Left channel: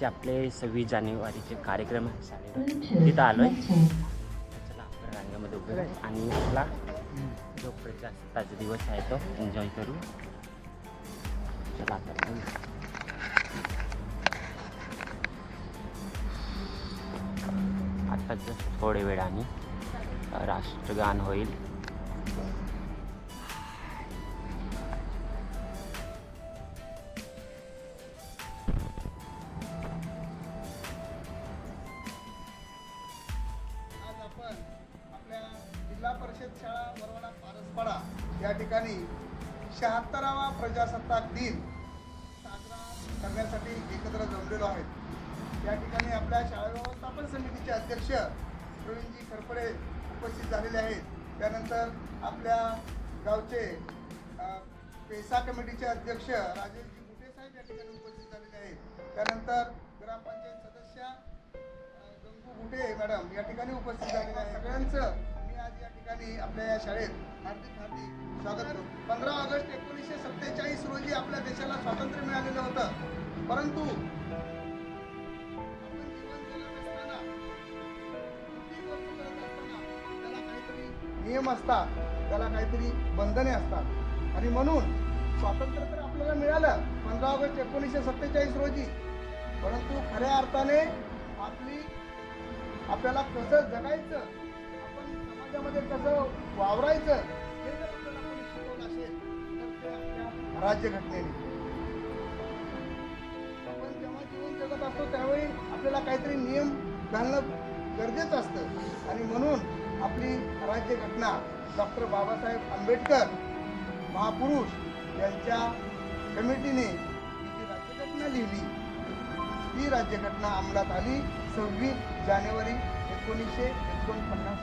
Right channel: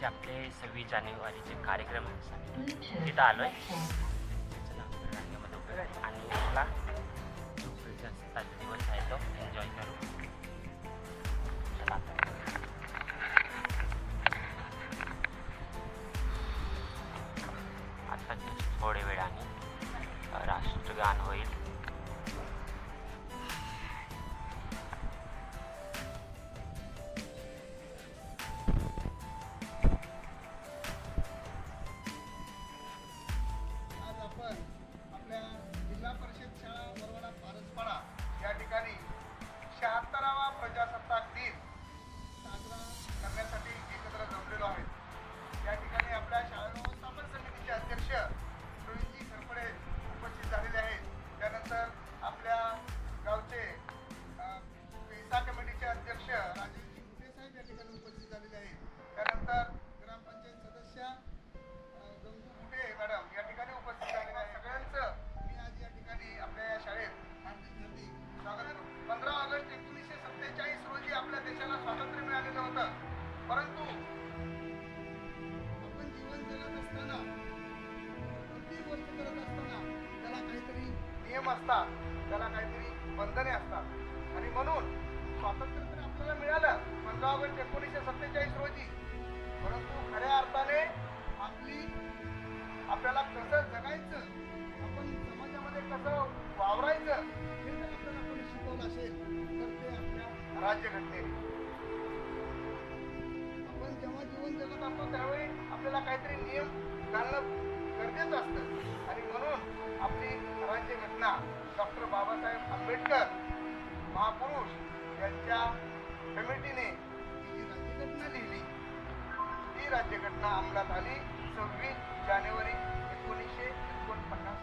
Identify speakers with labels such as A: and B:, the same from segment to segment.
A: जे आपले सव्वीस जानेवारीचे कार्यक्रम तिथं आलो आहे चला आपण रांगेमध्ये उभे आणि आपला जो प्रजासत्ताचा दिवस आहे तो एन्जॉय करू. चला आता जस्ट थोडे वेळाने राष्ट्रगान होईल.
B: आज आपल्या जिल्हा परिषद शाळा वरवडा पारसपाडा या ठिकाणी शहात्तरावा प्रजासत्ताक दिन साजरा करण्यासाठी एकत्र जमलेलो आहेत या ठिकाणी आपल्या शाळा व्यवस्थापन समितीचे अध्यक्ष प्रवीणजी खरपडे उपस्थित झालेले आहेत. त्यानंतर आपल्या गावचे पेसा कमिटीचे अध्यक्ष राजेशजी गुटे साहेब या ठिकाणी उपस्थित झालेले आहेत. त्यानंतर ग्रामपंचायत सदस्य या ठिकाणी उपस्थित झालेल्या आहे सगळ्यांचं मी आज या ठिकाणी आपल्या या शाळेत हार्दिक हार्दिक स्वागत करतो पंधरा ऑगस्ट एकोणीसशे सत्तेचाळीस रोजी आपल्या देशाला स्वातंत्र्य मिळालेलं होतं. परंतु आपण जीवन जगत असताना कुठली गोष्ट करत असताना त्याला काहीतरी नियम असतात त्याला काहीतरी बंधने असतात. आणि म्हणून स्वातंत्र्य तर आपल्याला मिळालं पंधरा ऑगस्ट एकोणीसशे सत्तेचाळीस रोजी. परंतु खऱ्या अर्थाने आपली आपल्याला कसं जगायचं आपण समाजामध्ये कसं वावरायचं हे जर आपल्याला कोणी शिकवलं असेल तर ते आपल्या राज्यघटनेने. आपण जेव्हा जीवन जगत असतो त्यावेळी आपल्याला काहीतरी नियम घालणं गरजेचं असतं. आणि म्हणून आपली राज्यघटना डॉक्टर बाबासाहेब आंबेडकर महापुरुष यांच्या कमिटीने ही राज्यघटना लिहिली ती राज्यघटना अंमलात आली. सव्वीस जानेवारी एकोणीसशे एकोणपन्नास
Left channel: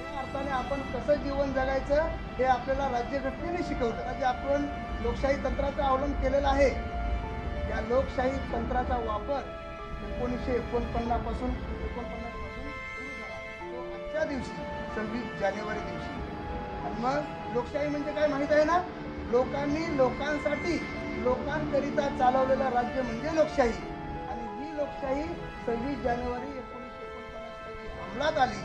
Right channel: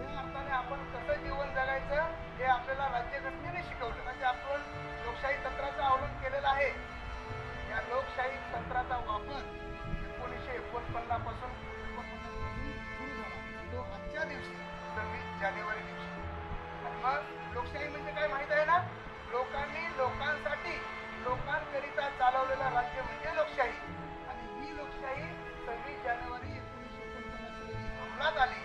B: या अर्थाने आपण कसं जीवन जगायचं हे आपल्याला राज्यघटनेने शिकवलं. जे आपण लोकशाही तंत्राचा अवलंब केलेला आहे. या लोकशाही तंत्राचा वापर एकोणीसशे एकोणपन्नापासून एकोणपन्नासपासून सुरू झाला. तो आजच्या दिवशी सव्वीस जानेवारी दिवशी. आणि मग लोकशाही म्हणजे काय माहीत आहे ना? लोकांनी लोकांसाठी लोकांकरिता चालवलेलं राज्य म्हणजे लोकशाही. आणि ही लोकशाही सव्वीस जानेवारी एकोणीसशे एकोणपन्नास रोजी अंमलात आली.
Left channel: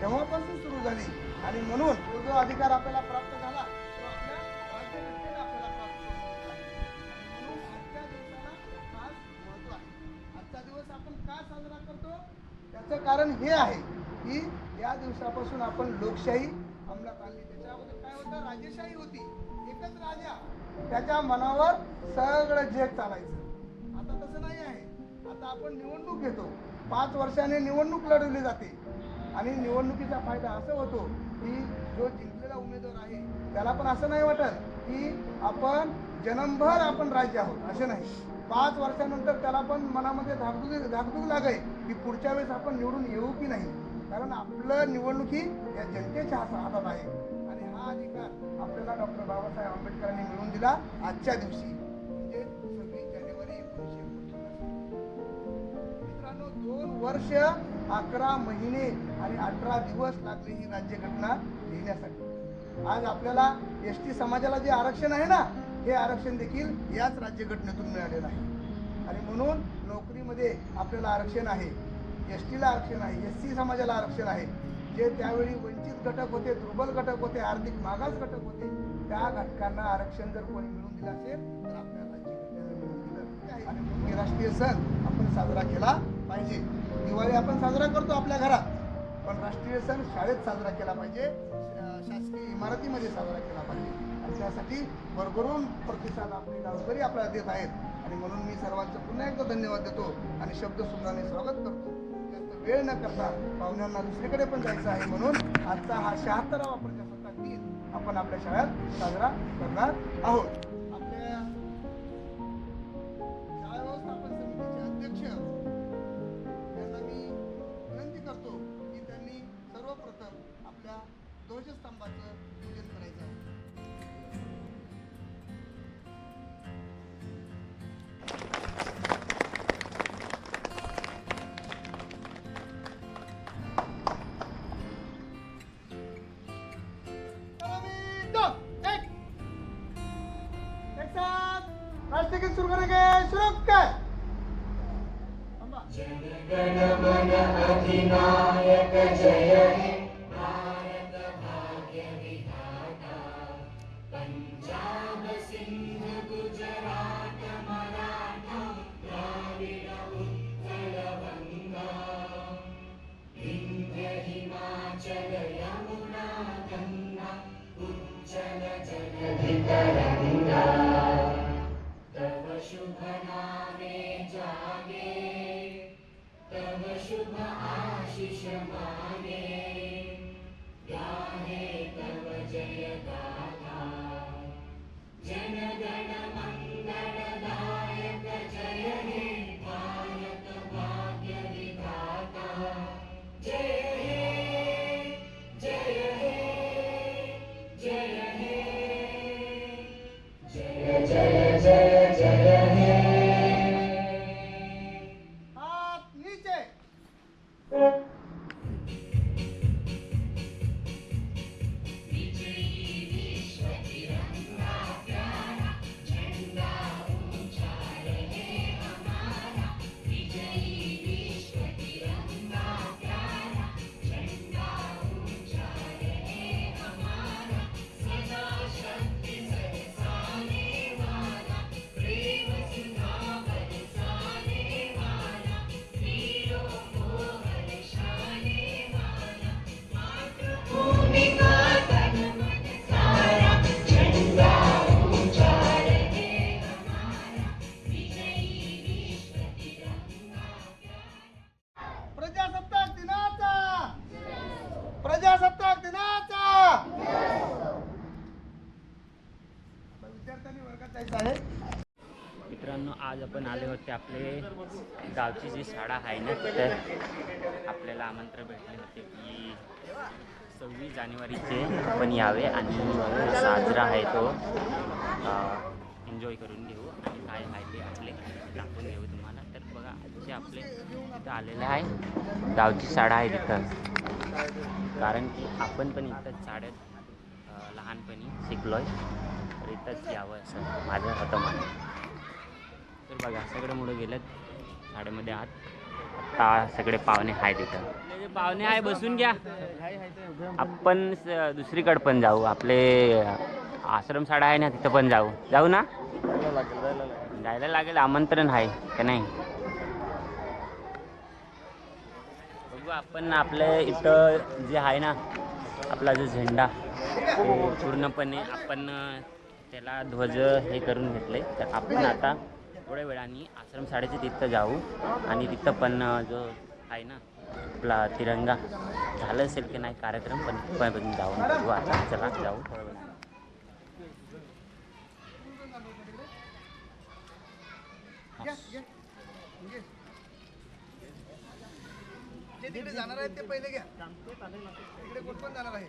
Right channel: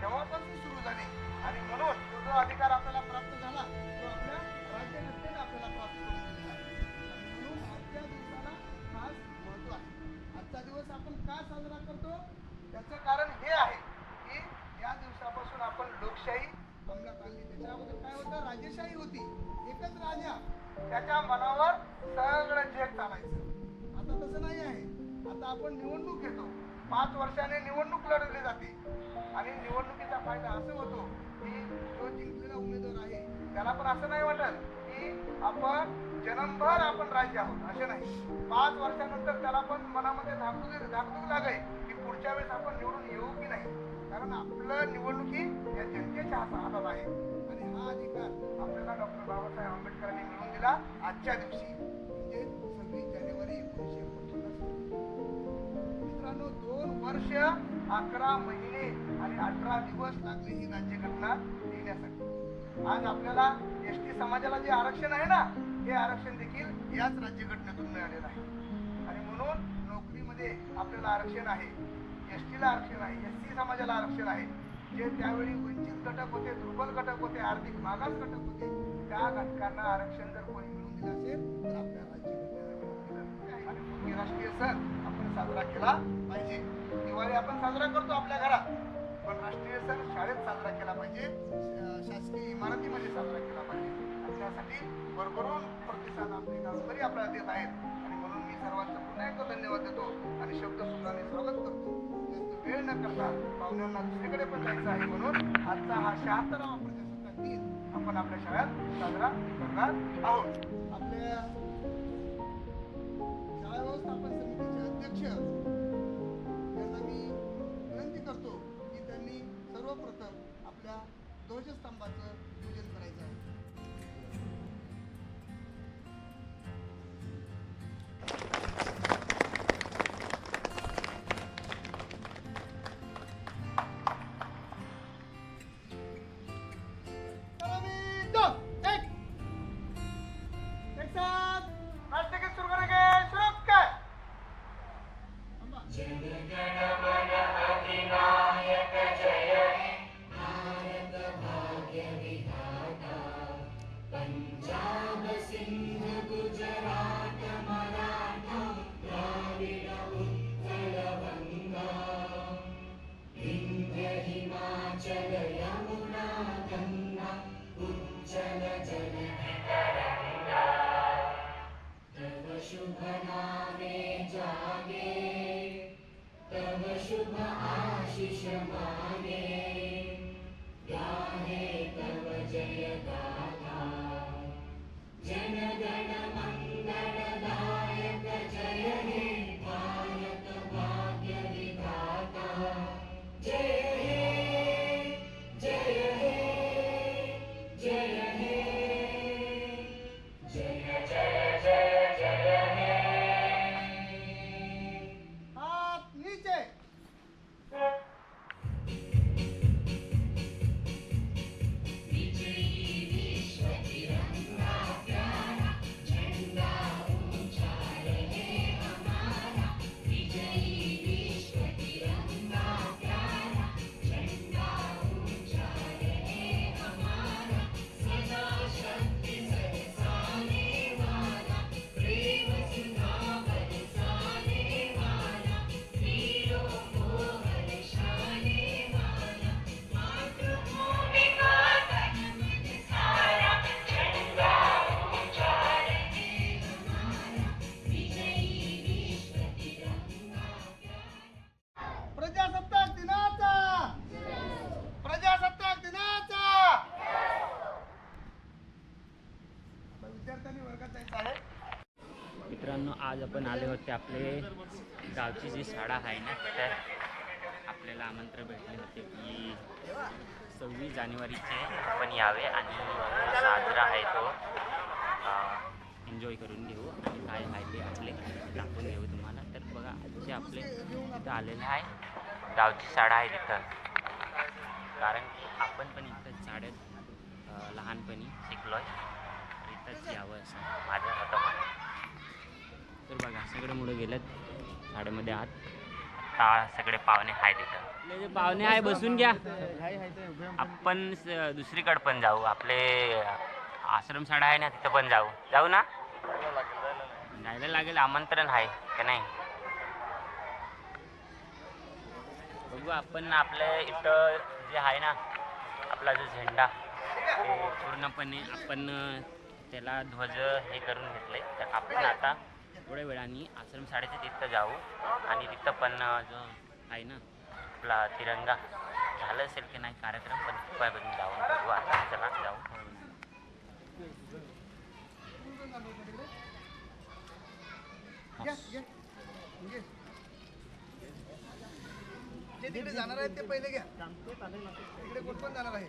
B: तेव्हापासून सुरू झाली. आणि म्हणून तो जो अधिकार आपल्याला प्राप्त झाला तो आपल्या राज्यघटनेने आपल्याला प्राप्त करून दिला. आहे आणि म्हणून आजच्या दिवसाला खास महत्त्व आहे. आजचा दिवस आपण का साजरा करतो? त्याचं कारण हे आहे की या दिवसापासून आपण लोकशाही अंमलात आणली. त्याच्या अगोदर काय होतं? राजेशाही होती. एकच राजा त्याच्या मनावर सगळं जग चालायचं. आता तसं नाही आहे. आता आपण निवडणूक घेतो. पाच वर्षाने निवडणूक लढवली जाते. आणि निवडणुकीचा फायदा असं होतो की जो जिंकलेला उमेदवार आहे त्याला पण असं नाही वाटत की आपण जन्मभर आपण राज्य आहोत. असे नाही. पाच वर्षानंतर त्याला पण मनामध्ये धाकधूक धाकधूक लागे की पुढच्या वेळेस आपण निवडून येऊ की नाही. कारण आपलं निवडणुकी या जनतेच्या हातात आहे. हा अधिकार आपल्याला डॉक्टर बाबासाहेब आंबेडकरांनी मिळवून दिला आजच्या दिवशी. म्हणजे सव्वीस जानेवारी एकोणीसशे एकोणपन्नास. मित्रांनो दोन वर्ष अकरा महिने आणि अठरा दिवस लागले ही राज्यघटना लिहिण्यासाठी. आज आपल्याला एस टी समाजाला जे आरक्षण आहे ना हे आरक्षण देखील याच राज्यघटनेतून मिळालेलं आहे. आणि म्हणून नोकरीमध्ये आपल्याला आरक्षण आहे. एस टीला आरक्षण आहे एस सी समाजाला आरक्षण आहे. जे त्यावेळी वंचित घटक होते दुर्बल घटक होते आर्थिक मागास घटक होते त्या घटकांना आरक्षण जर कोणी मिळून दिलं असेल तर आपल्या राज्यघटनेनं मिळवून दिलं आणि राष्ट्रीय सण आपण साजरा केला पाहिजे. दिवाळी आपण साजरा करतो आपल्या घरात पण राष्ट्रीय सण शाळेत साजरा केला पाहिजे शासकीय इमारतीमध्ये साजरा केला पाहिजे. त्यासाठी भरभरून प्रतिसाद आपले गावकरी आपल्याला देत आहेत. आणि म्हणून मी सर्वांचं पुन्हा एकदा धन्यवाद देतो. आणि शब्द मी स्वागत करतो. वेळ न करता पाहुण्यांना दुसरीकडे पण जायचं आहे म्हणून आजचा हा शहात्तरावा प्रजासत्ताक दिन आपण आपल्या शाळेत साजरा करणार आहोत. आपल्या एक साथ आज तक शुरू करेंगे शुरू कर. जय गण मन अधिनायक जय हे आहे
A: मित्रांनो आज आपण आले होते आपले गावची जी शाळा आहे ना तिथे आपल्याला आमंत्रण भेटले होते की सव्वीस जानेवारीचे आपण यावे आणि साजरा आहे तो. एन्जॉय करून घेऊ आणि काय आहे आपले दाखवून घेऊ तुम्हाला. तर बघा आजचे आपले तिथं आलेले आहे. गावची शाळा आहे तिथं. कारण की आपण पण इथं शाळेत लहानपणी शिकलो आहे इथंच यावं असं माझं होतं मन तर बघा सगळे मुलं गेलेत शाळेमध्ये आत. आता सगळे पाहुणे आहेत तिथं आपले पाहुणे आहे बसून घ्या. आपण दुसरीकडे पण जाऊ. आपले आश्रम शाळा आहे ना तिथं पण जाऊ. जाऊ ना? जायला लागेल आमंत्रण आहे का नाही? बघू आपण आपल्या इथं जे आहे ना आपला जो झेंडा ते पूर्णपणे आपण त्याला ध्वज हे करून घेतले. तर आपण आता थोड्या वेळाने आश्रम शाळेचे तिथं जाऊ. आणि तिथं पण जो आहे ना आपला तिरंगा झालं असेल की नाही कार्यक्रम पण पण जाऊन बघू आता. चला जाऊ थोड्या वेळाने.
B: जे तिकडे जाणार आहेत ते पहिले घ्या. तिकडे कोण पण जाणार आहे?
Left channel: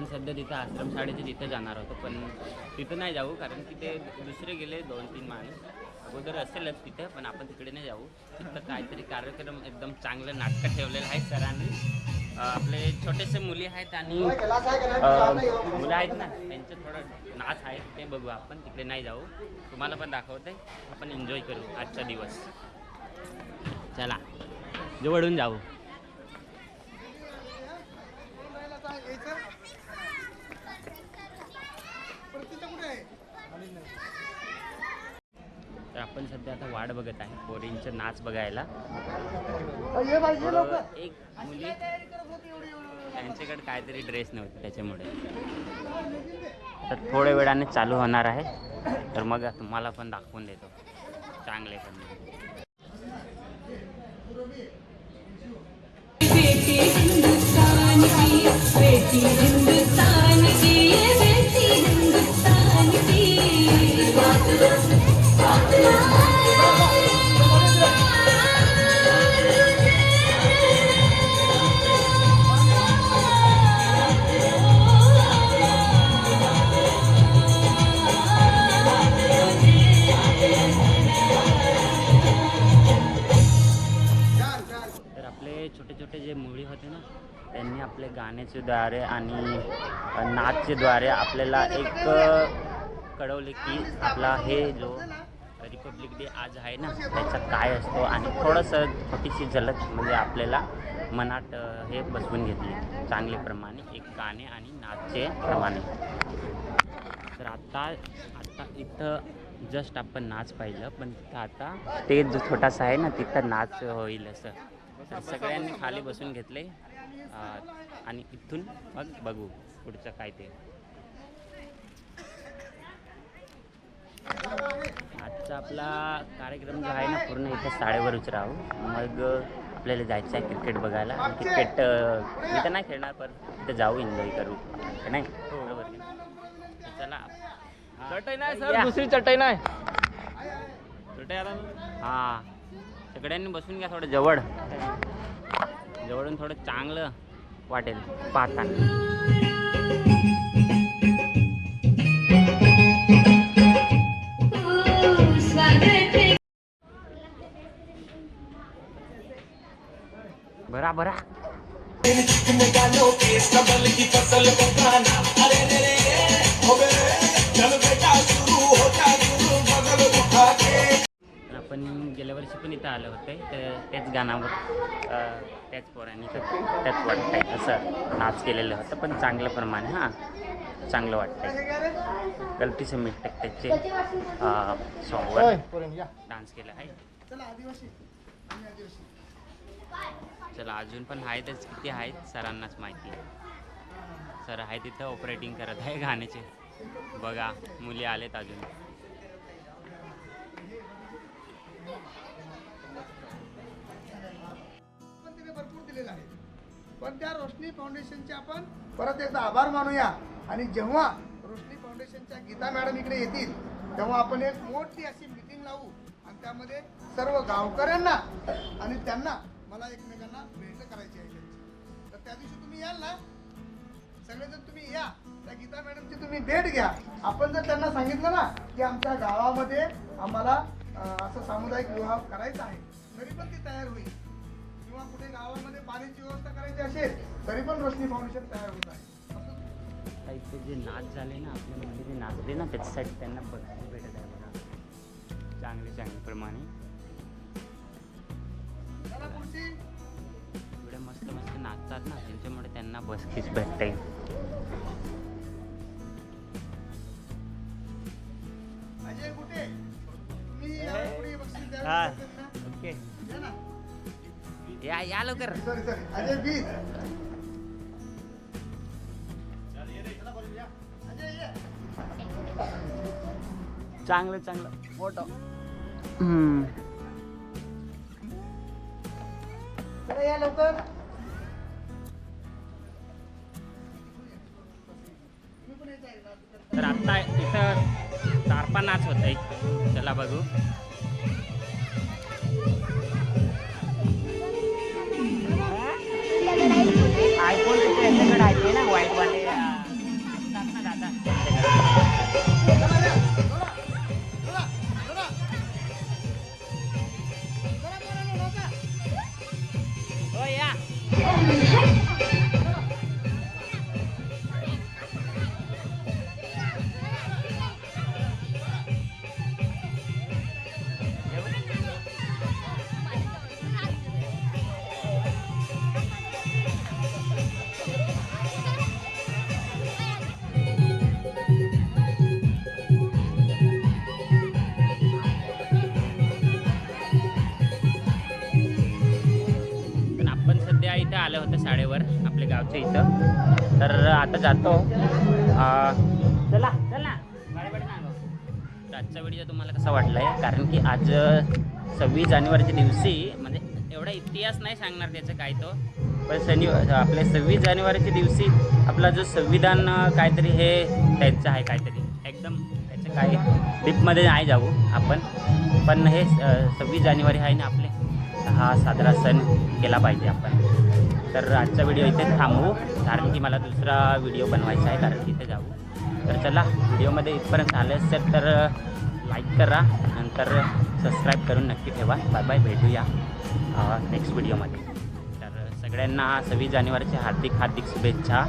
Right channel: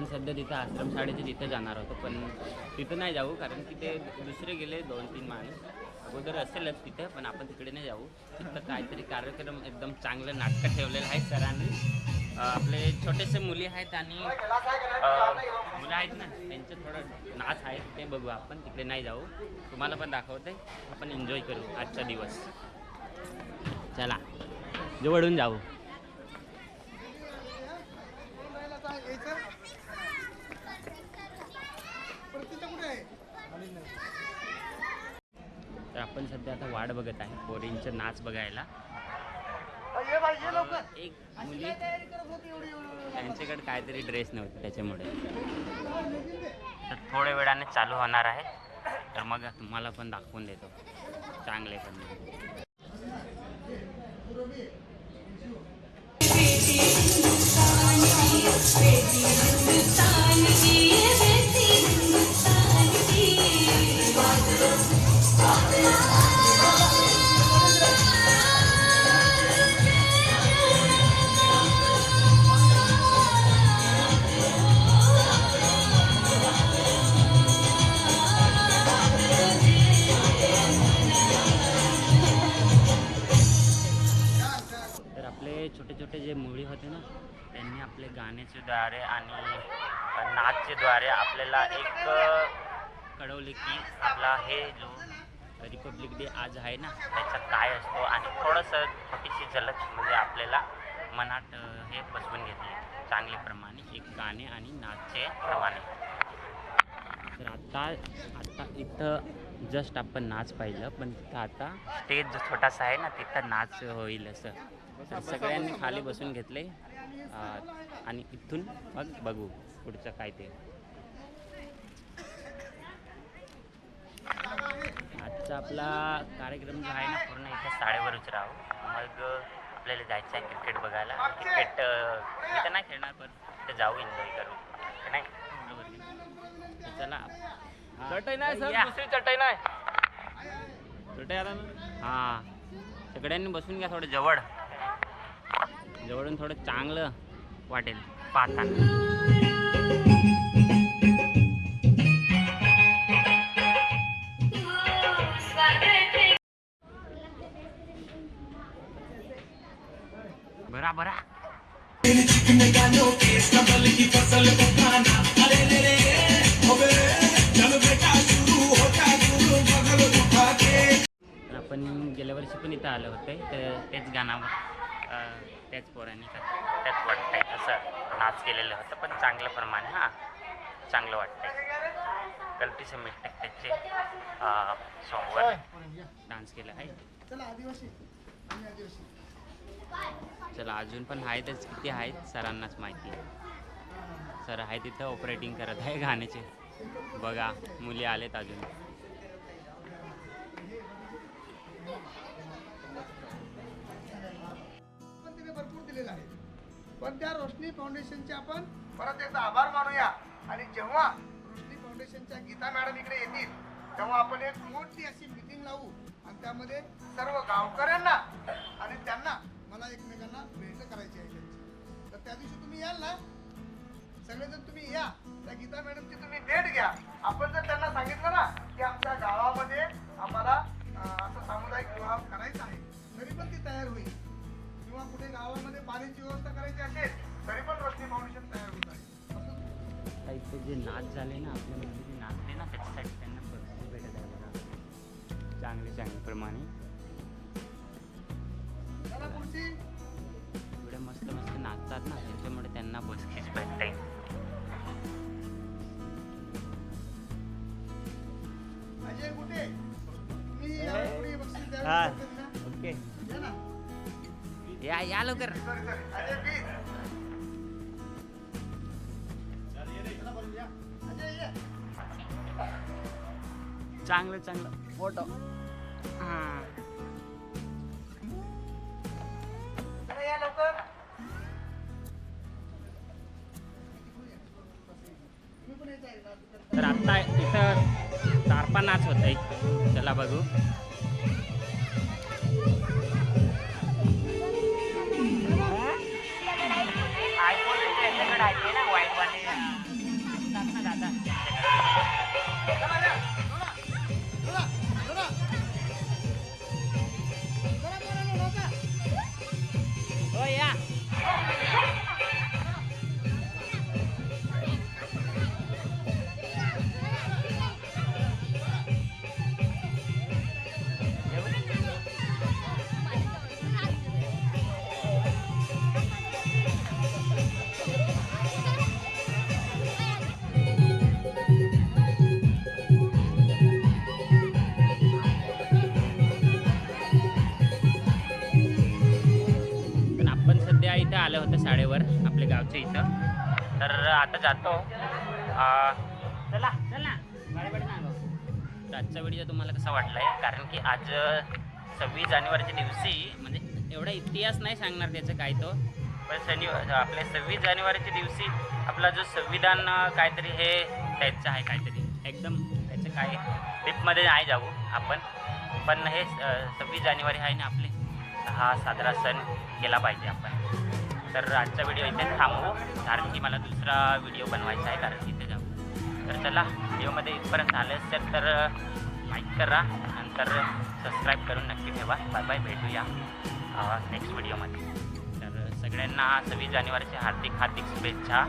A: आपण सध्या तिथं आश्रम शाळेचे तिथं जाणार होतो पण तिथं नाही जाऊ कारण की ते दुसरे गेले दोन तीन माणूस. अगोदर असेलच तिथे पण आपण तिकडे नाही जाऊ. तिथं काहीतरी कार्यक्रम एकदम चांगलं नाटकं ठेवलेलं आहे सरांनी. आपले छोटेसे मुली आहेत आणि मुलं आहेत ना त्यांचे थोडं नाच आहेत ते बघू आपण तिकडे नाही जाऊ. तुम्हाला पण दाखवते आपण एन्जॉय करू आजचा दिवस. चला जवळून जाऊ
B: कोण राहिला आता यायचं प्रतिष्ठा कुठे आहे
A: तर आपण सध्या आता वाट बघत आहे पोरींचं नाच बघायला. एक मुली
B: तयारी करत होती एवढी एवढी
A: त्यांच्याकडे काहीतरी ड्रेस नव्हते त्याच्यामुळे. तर थोड्या वेळाने चालू होणार आहे. तर मग तुम्हाला पण दाखवून देतो. चांगले पण नाचचे द्वारे आपल्याला एक कळवले की आपला हे जो रिपब्लिक डे आज आहे ना त्याच्यात काय असतो आणि थोडंसं छोटीशी झलक म्हणजे आपल्याला मनात हे बसवून घेतली. चांगल्याप्रमाणे एक गाणे आणि नाचचे प्रमाणे. तर आता आता इथं जस्ट आपण नाच पाहिलं पण तिथं आता स्टेज जो छोटासा आहे ना तिथं नाच होईल असं. तर सगळ्यांनी खाली बसून घेतले. आणि इथून मग बघू. पुढचं काय ते. आजचा आपला कार्यक्रम जो आहे ना पूर्ण इथं शाळेवरच राहू. मग आपल्याला जायचं आहे क्रिकेट बघायला. आणि क्रिकेट मी तर नाही खेळणार पण तिथं जाऊ एन्जॉय करू. नाही? बरोबर की नाही? तर चला. हा.
C: चटई नाही सर.
A: या.
C: दुसरी चटई नाही. चटई आला
A: हा. सगळ्यांनी बसून घ्या थोडं जवळ. जवळून थोडं चांगलं वाटेल. पाहताना बरा बरा आपण गेल्या वर्षी पण इथं आलं होतं. तर त्याच गाण्यावर त्याच पोरांनी तर त्याच वाटतंय असं नाच केलेलं होतं पण चांगलं प्रमाणे हां चांगलं वाटतंय. गलती से मिस्टेक त्याचे सॉन्गवर डान्स केला आहे.
B: चला
A: अजून पण आहेतच किती आहेत सरांनाच माहिती सर आहे तिथं ऑपरेटिंग करत आहे गाण्याचे. बघा मुली आलेत अजून.
B: पण तिने भरपूर दिलेलं आहे. पण त्या रोशनी फाउंडेशनचे आपण परत एकदा आभार मानूया. आणि जेव्हा रोशनी फाउंडेशनच्या गीता मॅडम इकडे येतील तेव्हा आपण एक मोठी अशी मिटिंग लावू. आणि त्यामध्ये सर्व गावकऱ्यांना आणि त्यांना मला एकमेकांना भेट करायची आहे त्यांची. तर त्या दिवशी तुम्ही याल ना? सगळेजण तुम्ही या. त्या गीता मॅडमची तुम्ही भेट घ्या. आपण जर त्यांना सांगितलं ना की आमच्या गावामध्ये आम्हाला असं सामुदायिक विवाह करायचा आहे तरी पण ती तयार होईल. किंवा कुठे गावामध्ये पाण्याची व्यवस्था करायची असेल तरी पण रोशनी फाउंडेशन तयार होत आहे.
A: इथे जे नाच झाले ना आपल्या मध्ये जे नाचले ना त्याच्यासाठी त्यांना बक्षीस भेटत आहे बघा चांगले चांगले प्रमाणे. एवढे मस्त मस्त नाचतात ना त्यांच्यामुळे त्यांना बक्षीस भेटते. या या लवकर. चांगलं चांगलं. फोटो.
B: या लवकर?
A: तर आता इथं तारपा नाच होत आहे चला बघू. शाळेवर आपल्या गावच्या इथं. तर आता जातो. चला चला. गाडी आजचा व्हिडिओ तुम्हाला कसा वाटला आहे कारण की आज सव्वीस जानेवारीच्या दिवशी म्हणजे एवढा इतिहास नाही सांगणार त्याचं काय तो. पण शनि आपल्या सव्वीस जानेवारीच्या दिवशी आपला जो संविधान काहीतरी हे त्यांचं आहे काहीतरी. एकदम त्याचं काय डीपमध्ये नाही जाऊ आपण. पण हे सव्वीस जानेवारी आहे ना आपले. हा साजरा सण केला पाहिजे आपण. तर आजचा व्हिडिओ इथे थांबवू. कारण की मला दुसरा व्हिडिओ बनवायचा आहे कारण तिथे जाऊ. तर चला व्हिडिओमध्ये इथपर्यंत आले असेल तर लाईक करा. नंतर सबस्क्राईब करून नक्की ठेवा. बाय बाय भेटूया नेक्स्ट व्हिडिओमध्ये तर सगळ्यांना सव्वीस जानेवारीच्या हार्दिक हार्दिक शुभेच्छा.